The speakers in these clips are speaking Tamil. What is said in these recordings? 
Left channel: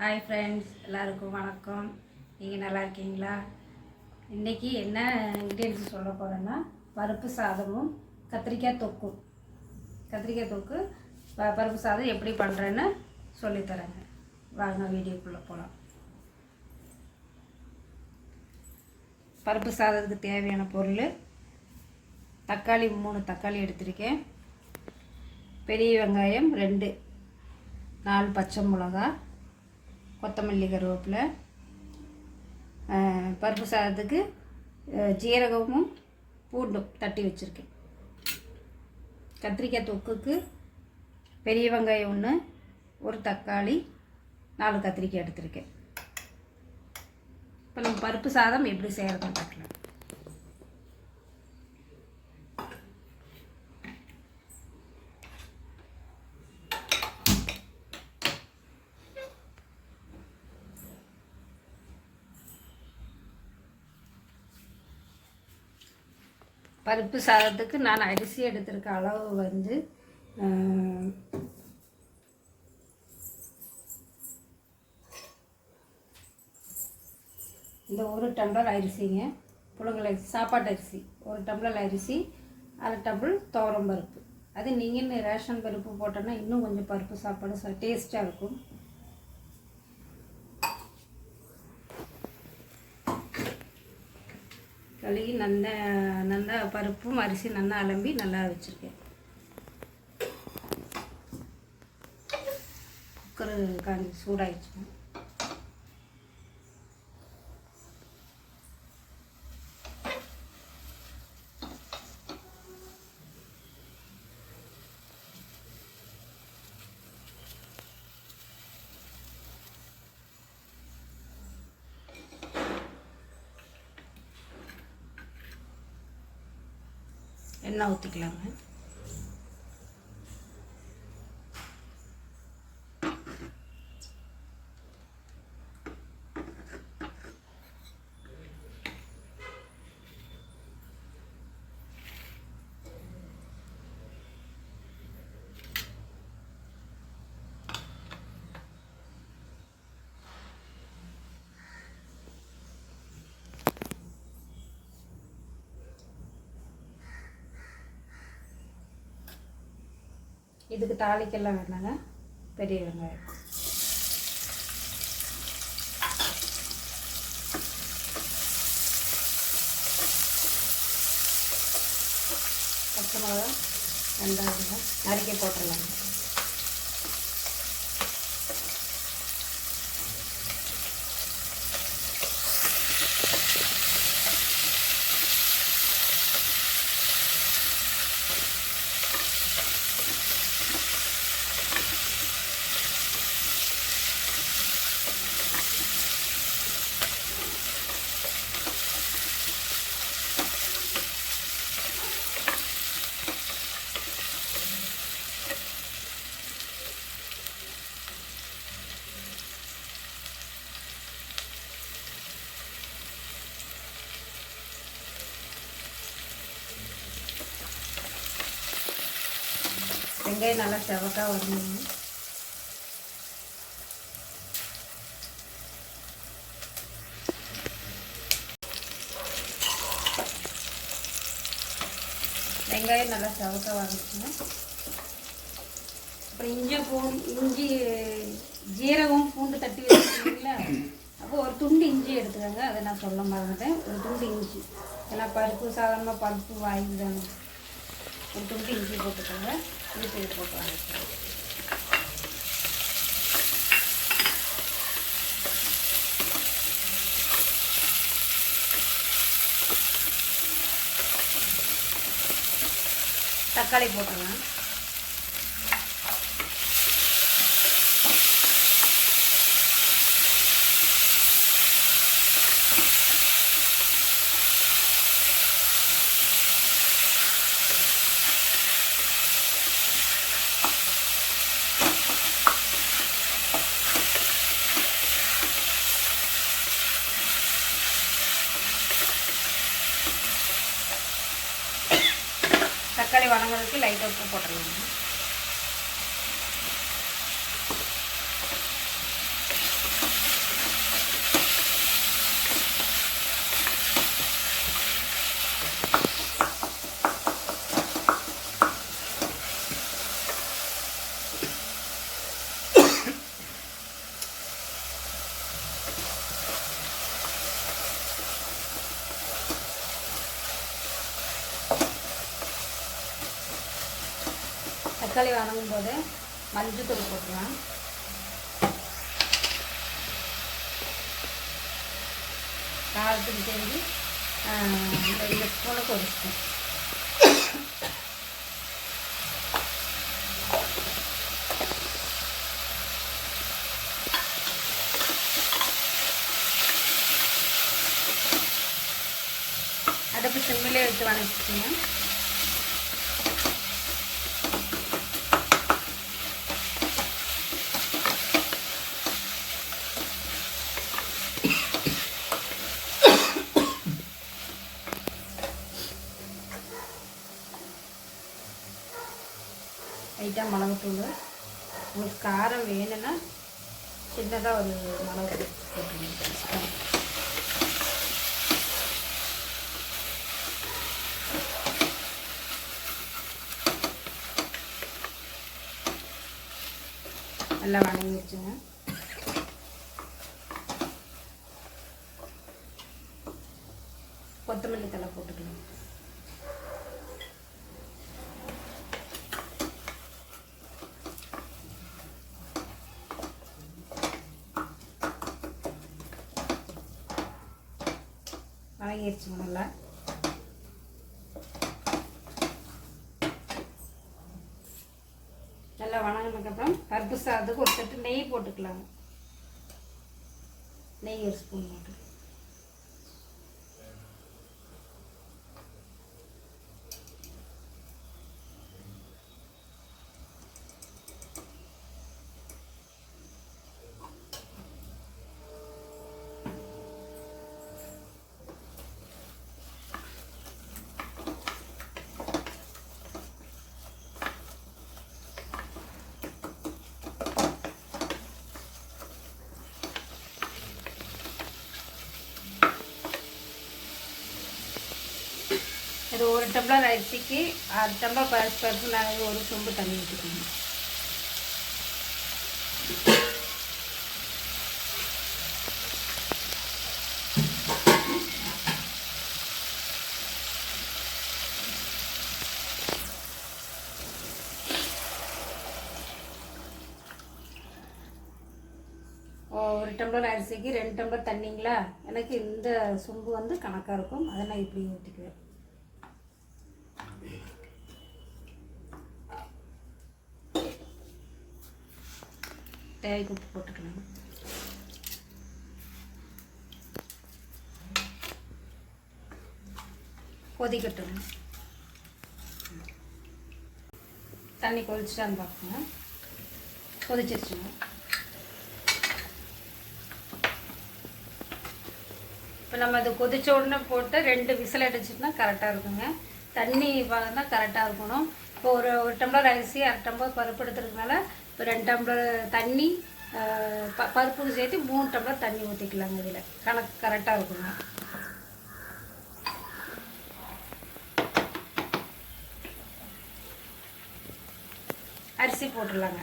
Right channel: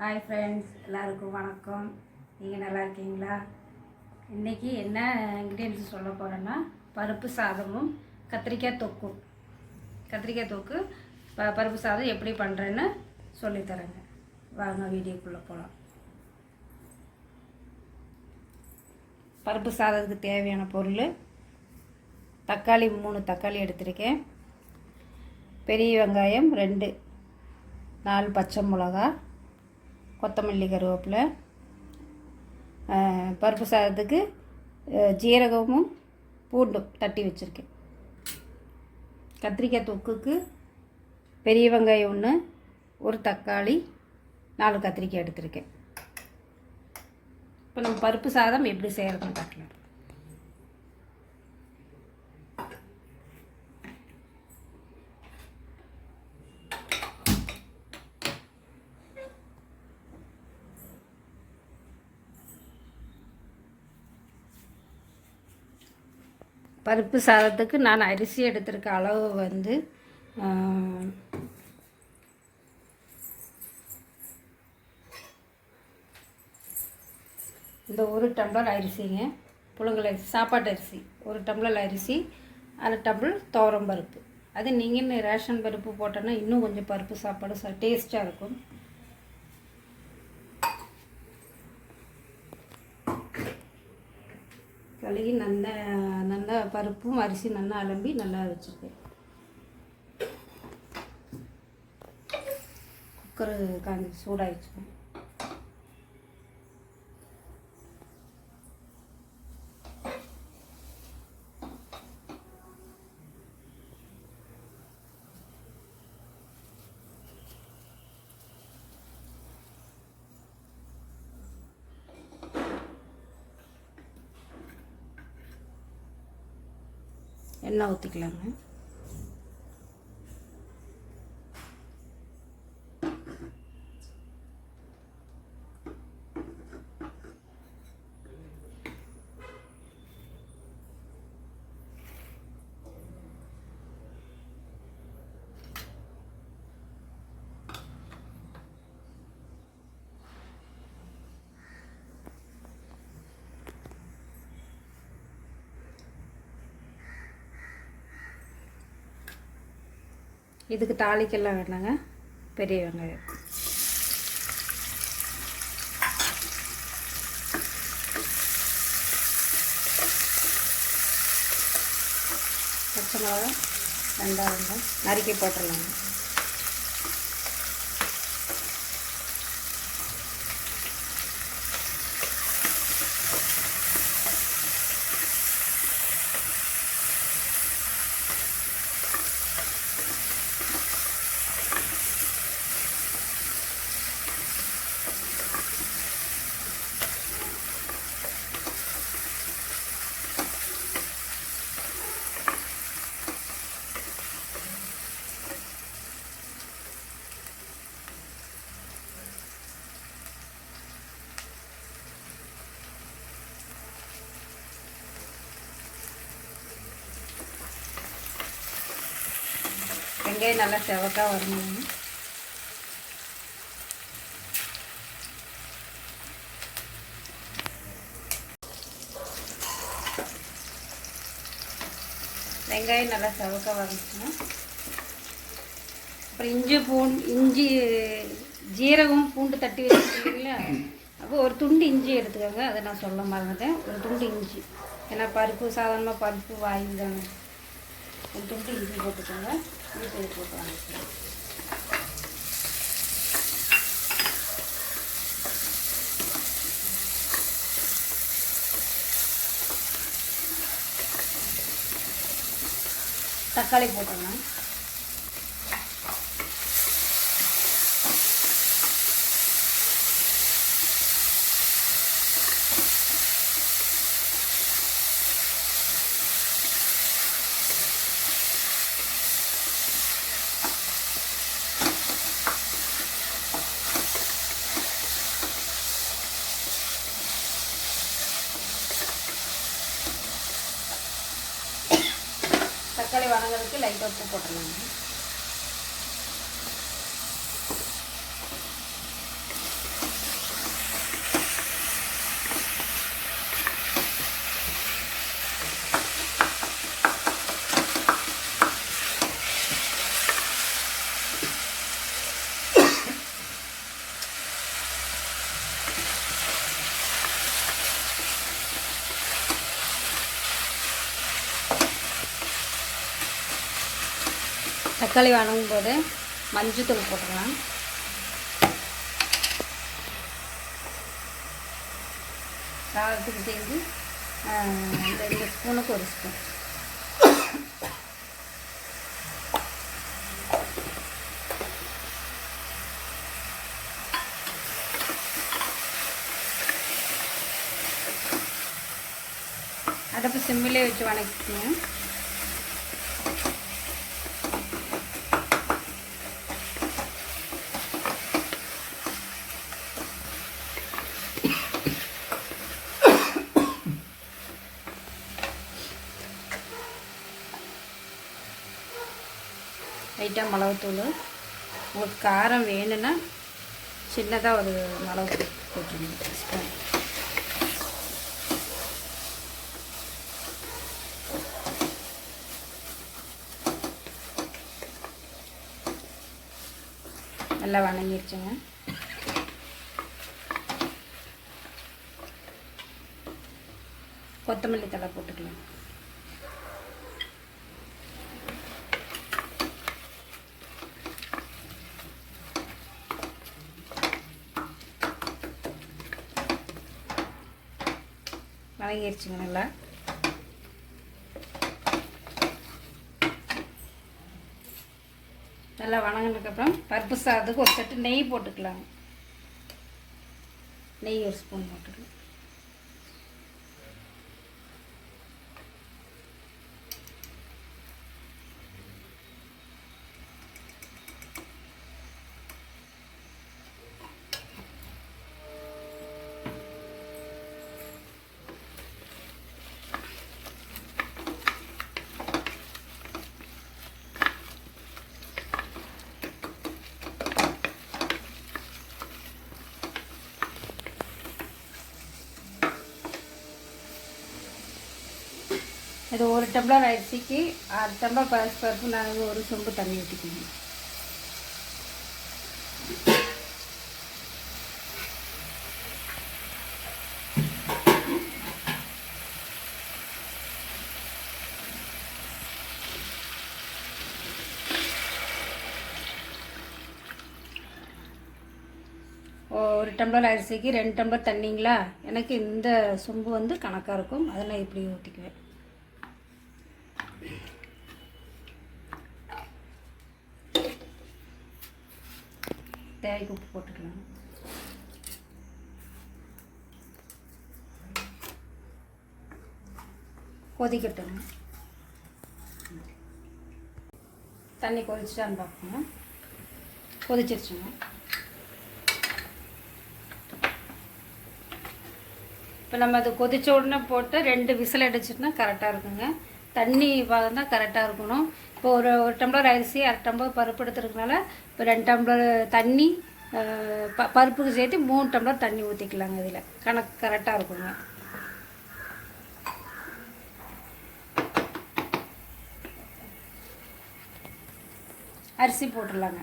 ஹாய் ஃப்ரெண்ட்ஸ், எல்லாருக்கும் வணக்கம். நீங்கள் நல்லா இருக்கீங்களா? இன்றைக்கி என்ன இன்க்ரீடியன்ஸ் சொல்ல போகிறேன்னா, பருப்பு சாதமும் கத்திரிக்காய் தொக்கும். கத்திரிக்காய் தொக்கு பருப்பு சாதம் எப்படி பண்ணுறேன்னு சொல்லித்தரேங்க. வாங்க வீடியோக்குள்ளே போகலாம். பருப்பு சாதத்துக்கு தேவையான பொருள்: தக்காளி 3 தக்காளி எடுத்திருக்கேன், பெரிய வெங்காயம் 2, 4 பச்சை மிளகா, கொத்தமல்லி, கருவேப்பிலை, பருப்பு சாதத்துக்கு ஜீரகமும் பூண்டும் தட்டி வச்சுருக்கேன். கத்திரிக்காய் தொக்குக்கு பெரிய வெங்காயம் 1, 1 தக்காளி, 4 கத்திரிக்காய் எடுத்திருக்கேன். இப்போ நம்ம பருப்பு சாதம் எப்படி செய்கிறதுன்னு பார்க்கலாம். பருப்பு சாதத்துக்கு நான் அரிசி எடுத்திருக்க அளவு வந்து இந்த 1 டம்ளர் அரிசிங்க, புழுங்கல் அரிசி, சாப்பாட்டு அரிசி 1 டம்ளர் அரிசி, 1/2 டம்ளர் துவரம் பருப்பு. அது நீங்கள் ரேஷன் பருப்பு போட்டோன்னா இன்னும் கொஞ்சம் பருப்பு சாப்பாடு டேஸ்ட்டாக இருக்கும். கழுவி நல்லா பருப்பும் அரிசி நல்லா அலம்பி நல்லா வச்சுருக்கேன். குக்கரு சூடாகிடுச்சு. எண்ணெய் ஊற்றிக்கலாங்க. இதுக்கு தாளிக்கெல்லாம் வேணாங்க. பெரிய வெங்காயம், பச்சை மிளகா 2 நறுக்கி போட்டுடலாங்க. வெங்காயம் நல்லா செவக்கா வரணும். வெங்காயம் நல்லா செவக்கா வரணுச்சுன்னா அப்புறம் இஞ்சி ஜீரகம் பூண்டு தட்டி வச்சுருக்கீங்களா, அப்போ ஒரு துண்டு இஞ்சி எடுத்துக்கோங்க. அதை நான் சொல்ல மறந்துட்டேன். ஒரு துண்டு இஞ்சி, ஏன்னா பருப்பு சாதாரணமாக பருப்பு வாங்கி தானே. ஒரு துண்டு இஞ்சி போட்டுக்கோங்க. இது போட்டு அரைச்சிக்கலாம். தக்காளி போட்டுடலாம். தக்காளி வதங்கிறதுக்கு லைட்டாக உப்பு போட்டுடலாம். தக்காளி வணங்கும் போது மஞ்சத்தூள் போட்டுக்கலாம். காரத்துக்கு சேர்ந்து 2 ஸ்பூனுக்கு 1 ஸ்பூன். அடுப்பு சிம்மிலே வச்சு வணக்கிக்கோங்க. லைட்டாக மிளகுத்தூள், உங்களுக்கு காரம் வேணும்னா சின்னதாக ஒரு மிளகு போட்டுருங்க. நல்லா வணங்கிடுச்சுங்க. கொத்தமல்லி தழை போட்டுக்கலாம். வணங்கிடுச்சுங்க. நல்லா நல்லா வணங்கினதுக்கப்புறம் பருப்பு சாதத்துக்கு ஒரு செட்டு நெய் போட்டுக்கலாங்க. நெய் 1 ஸ்பூன் போட்டுக்கலாம். இது 1 டம்ளர் அரிசிக்கு 6 டம்ளர் பருப்பு நான் 1 சொம்பு தண்ணி ஊற்றிக்கணும். ஒரு டம்ளர் அரிசிக்கு 2 டம்ளர் தண்ணிங்களா, எனக்கு இந்த சொம்பு வந்து கணக்காக இருக்கும். அதை நான் இப்படி ஊற்றிக்குவேன். தேவைக்கு உப்பு போட்டுக்கலாம். கொதிக்கட்டுங்க. தண்ணி கொதிச்சிட்டான்னு பார்க்கணும். கொதிச்சிருச்சுங்க. இப்போ நம்ம அது கொதிச்ச உடனே போட்டு 2 விசில் அடிச்சிட்டுனா கரெக்டாக இருக்குங்க. தண்ணி பார்த்தா கரெக்டாக இருக்கணும். இப்போ ஒரு டம்ளர் அரிசி 1/2 டம்ளர் பருப்பு எடுத்துருக்கனால இப்போ 2 டம்ளர் தண்ணி பருப்புக்கு சேர்த்து 3 டம்ளர் தண்ணி ஊற்றிக்கலாங்க. இதில் கணக்கு கரெக்டாக இருக்குங்க. அரிசி போட்டுடலாங்க.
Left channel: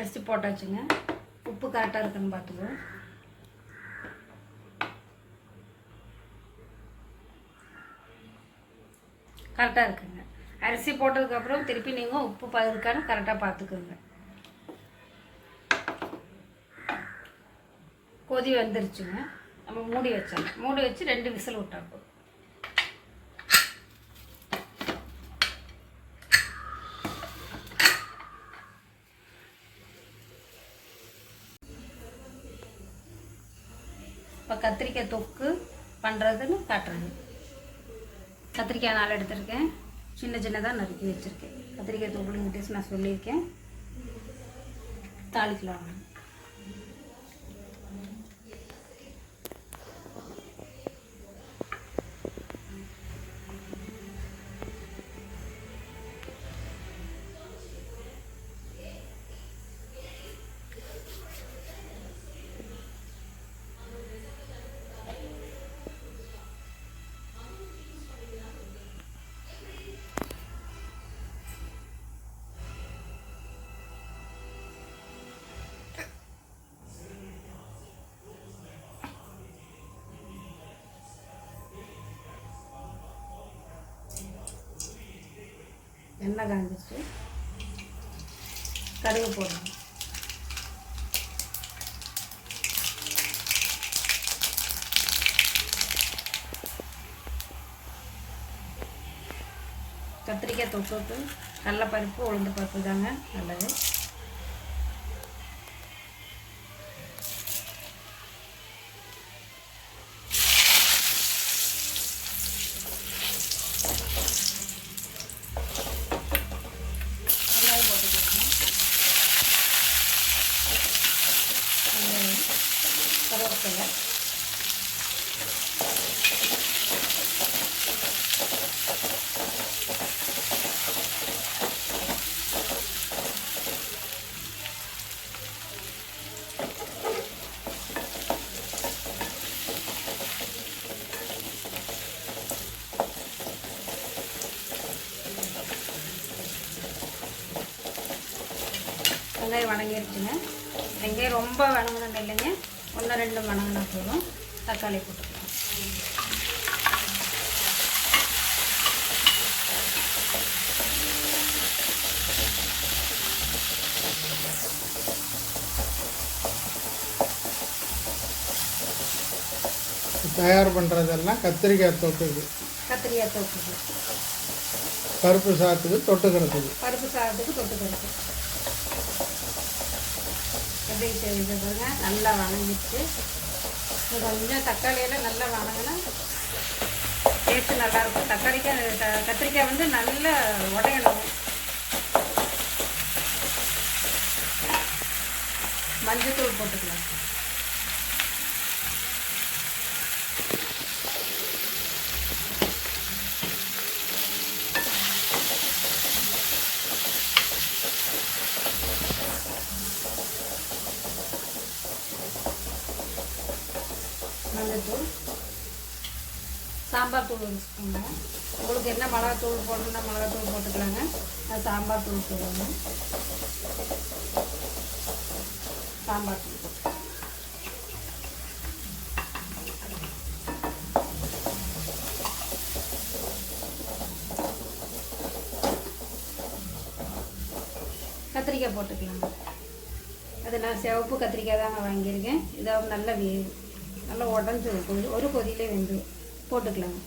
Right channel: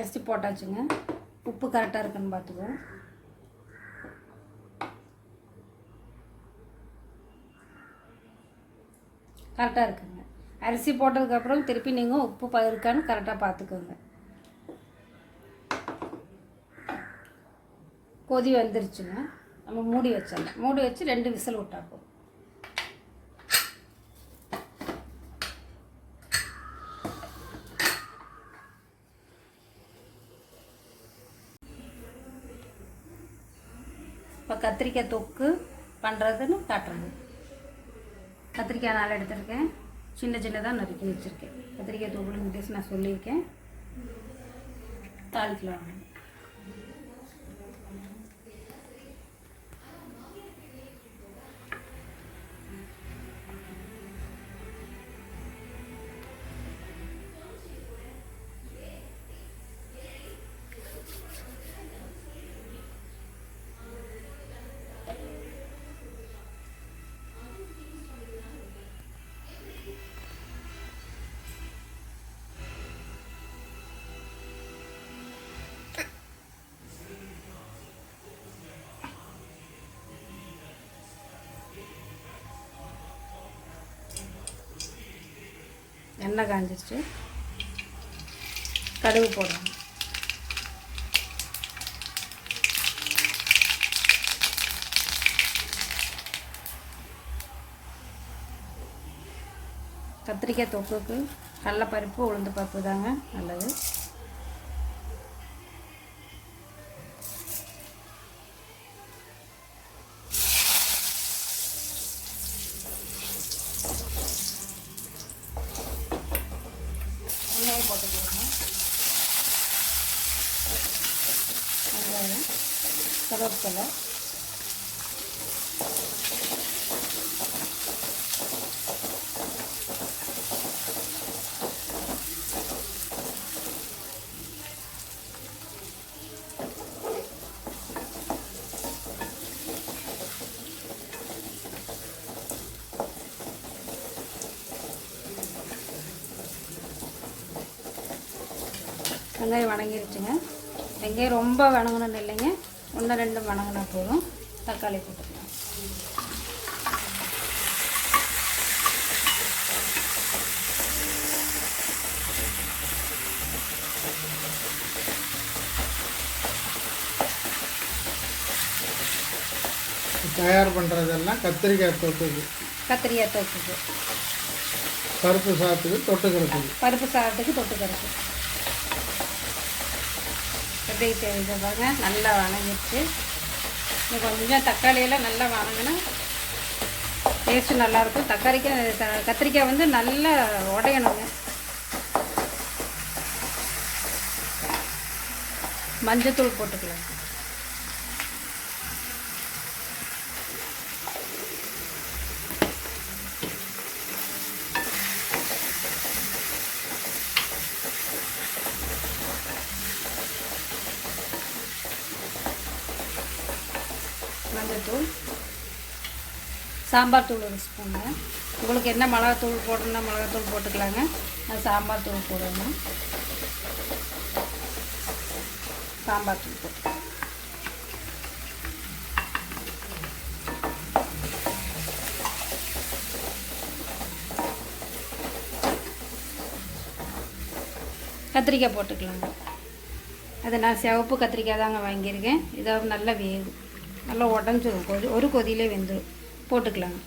அரிசி போட்டாச்சுங்க. உப்பு கரெக்டாக இருக்குன்னு பார்த்துக்குவோம். கரெக்டாக இருக்குங்க. அரிசி போட்டதுக்கப்புறம் திருப்பி நீங்கள் உப்பு இருக்கான்னு கரெக்டாக பார்த்துக்கோங்க. கொதி வந்துருச்சுங்க. நம்ம மூடி வச்சாங்க. மூடி வச்சு 2 விசில் விட்டா போதும். இப்போ கத்திரிக்காய் தொக்கு பண்ணுறதுன்னு காட்டுறேங்க. கத்திரிக்காய் 4 எடுத்துருக்கேன். சின்னதாக நறுக்கி வச்சுருக்கேன். கத்திரிக்காய் தொக்குன்னு நான் சொல்லியிருக்கேன். தாளிக்கலாம். எண்ணெய் காஞ்சிச்சு, கடுகு போடணும். கத்திரிக்காய் தொக்குக்கு கடலைப்பருப்பு உளுந்து பருப்பு தாங்க நல்லது. கருவேப்பிலை, வெங்காயம் வணங்கிருச்சுங்க. வெங்காயம் ரொம்ப வணங்கணும்னு இல்லைங்க, 1-2 வணங்கினா போதும். தக்காளி போட்டுக்கலாம். தயார் பண்ணுறதெல்லாம் கத்திரிக்காய் தொட்டுக்கு, கத்திரிக்காய் தொட்டுக்கு, பருப்பு சாதத்துக்கு தொட்டுக்கிறதுக்கு, பருப்பு சாதத்துக்கு தொட்டுக்கிறது. எப்படி செய்யுது பாருங்க, நல்லா வணங்கிடுச்சு. கொஞ்சம் தக்காளியெல்லாம் நல்லா வணங்கினா டேஸ்ட்டு நல்லாயிருக்கும். கத்திரிக்காய் வந்து நல்லா உடையணும். மஞ்சத்தூள் போட்டுக்கலாம். மஞ்சத்தூள், சாம்பார் தூள் 1 ஸ்பூன். உங்களுக்கு என்ன மிளகாத்தூள் போடணும்னா மிளகாத்தூள் போட்டுக்கலாங்க. நான் சாம்பார் தூள் போடணும். சாம்பார் தூள் போட்டு கத்திரிக்காய் போட்டுக்கலாங்க. அது நான் சிவப்பு கத்திரிக்காய் தாங்க வாங்கியிருக்கேன். இதை நல்லா வேகும், நல்லா உடஞ்சி ஒரு கொதியிலே வெந்து போட்டுக்கலாங்க.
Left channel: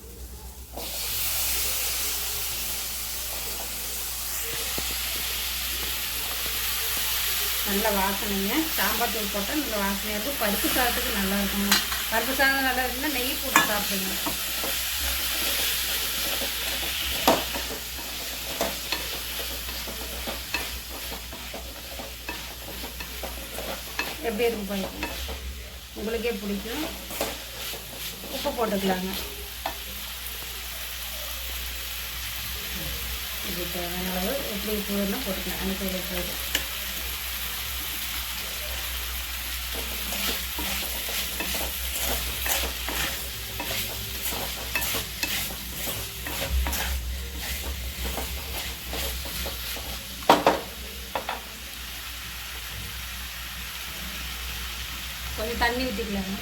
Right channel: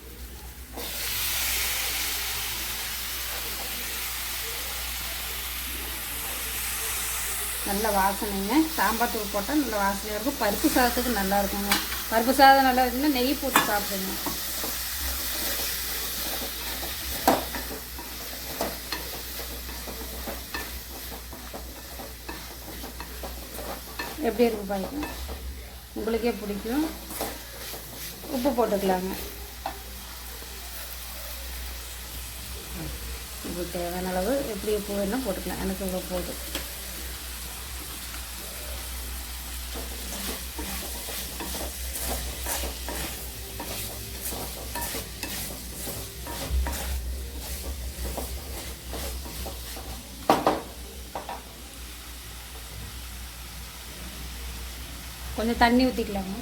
நல்ல வாசனைங்க. சாம்பார் தூள் போட்டால் நல்ல வாசனையாக இருக்கும். பருப்பு சாதத்துக்கு நல்லா இருக்குங்க. பருப்பு சாதம் நல்லா இருக்குன்னா நெய் போட்டு சாப்பிடுங்க. எப்படி இருக்கும் பாருங்க, உங்களுக்கே பிடிக்கும். உப்பு போட்டுக்கலாங்க. இது தேவையான அளவு எப்படி உப்பு வேணும் போட்டுக்கலாம். எனக்கு இவ்வளோ போதும். கொஞ்சம் தண்ணி ஊற்றிக்கலாங்க.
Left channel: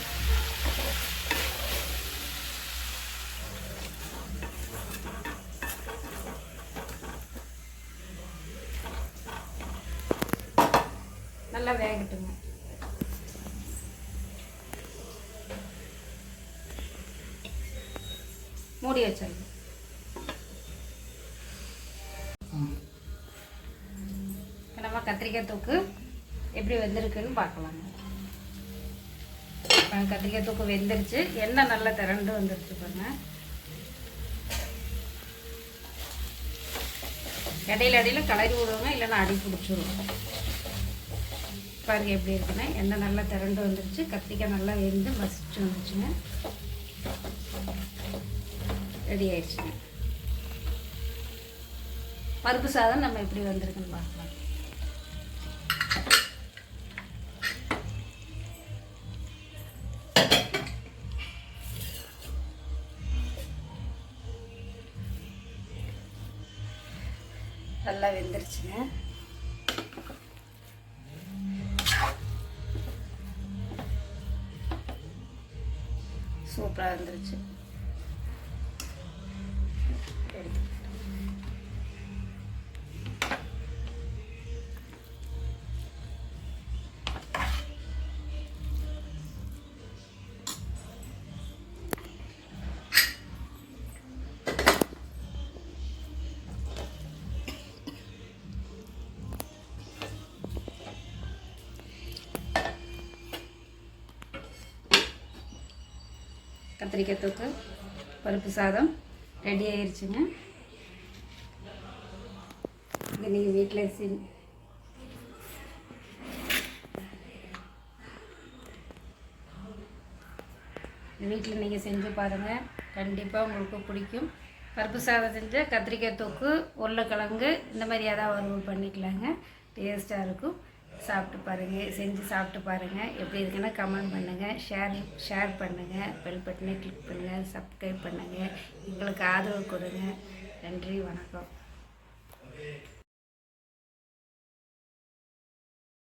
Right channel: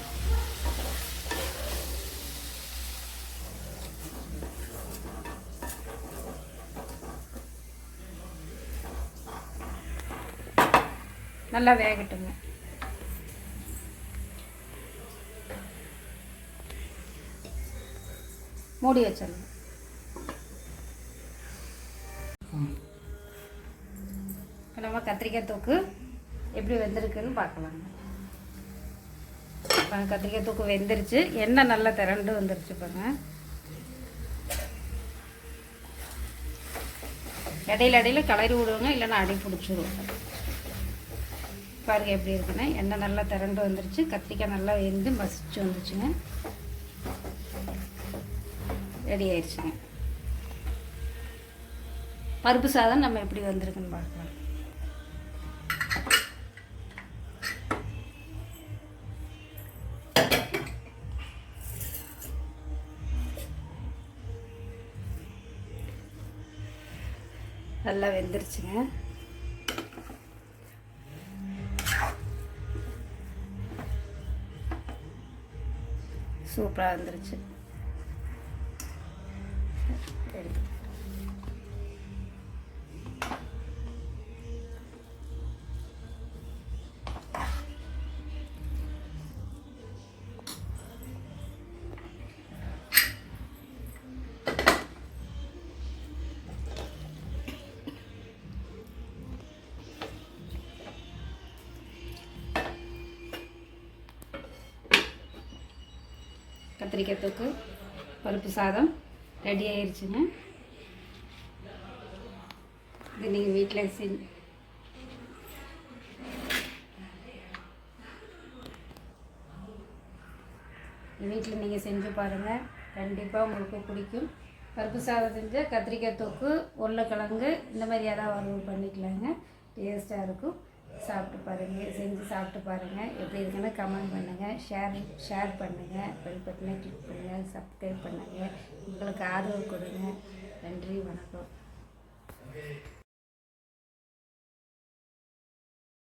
நல்லா வேகட்டுங்க. மூடி வச்சிடலாம். இப்போ நம்ம கத்திரிக்காய் தொக்கு எப்படி வெந்திருக்குன்னு பார்க்கலாங்க. கத்திரிக்காய் தொக்கு வெந்துருச்சு. எண்ணெய் நல்லா திரண்டு வந்துருச்சு பாருங்க. இடையில இடையில கிளறி விடுவோங்க, இல்லைன்னா அடி பிடிச்சிருவோம். பாருங்கள் எப்படி இருக்குன்னா எண்ணெய் நல்லா திரண்டு வந்துருச்சு, கத்திரிக்காய் நல்லா வெந்து மசிச்சு வந்துருச்சுங்க. ரெடி ஆயிடுச்சுங்க. பருப்பு சாதம் நம்ம எப்படி வந்திருக்குன்னு பார்க்கலாம். நல்லா வெந்துருச்சுங்க. சூப்பராக வந்துருச்சு. எடுத்து கத்திரிக்காய் தொக்கு பருப்பு சாதம் ரெடி ஆயிடுச்சுங்க. இது நீங்கள் வீட்டில் வீட்டில் நீங்கள் செஞ்சு பாருங்கள், கண்டிப்பாக உங்களுக்கு பிடிக்கும். பருப்பு சாதம் செஞ்சால் கத்திரிக்காய் தொக்கு, உருளைக்கிழங்கு இந்த மாதிரி ஏதாவது வறுவல் பண்ணிக்கலாங்க, டேஸ்ட்டாக இருக்கும். சாப்பிட்டு பாருங்கள், செஞ்சு சாப்பிட்டு பாருங்கள். எப்படி இருக்குன்னா கமெண்ட் பண்ணுங்கள், ஷேர் பண்ணுங்கள், பெல் பட்டனை கிளிக் பண்ணுங்கள், சப்ஸ்கிரைப் பண்ணுங்கள். எங்களுக்கு ஆதரவு கொடுங்க. நன்றி, வணக்கம்.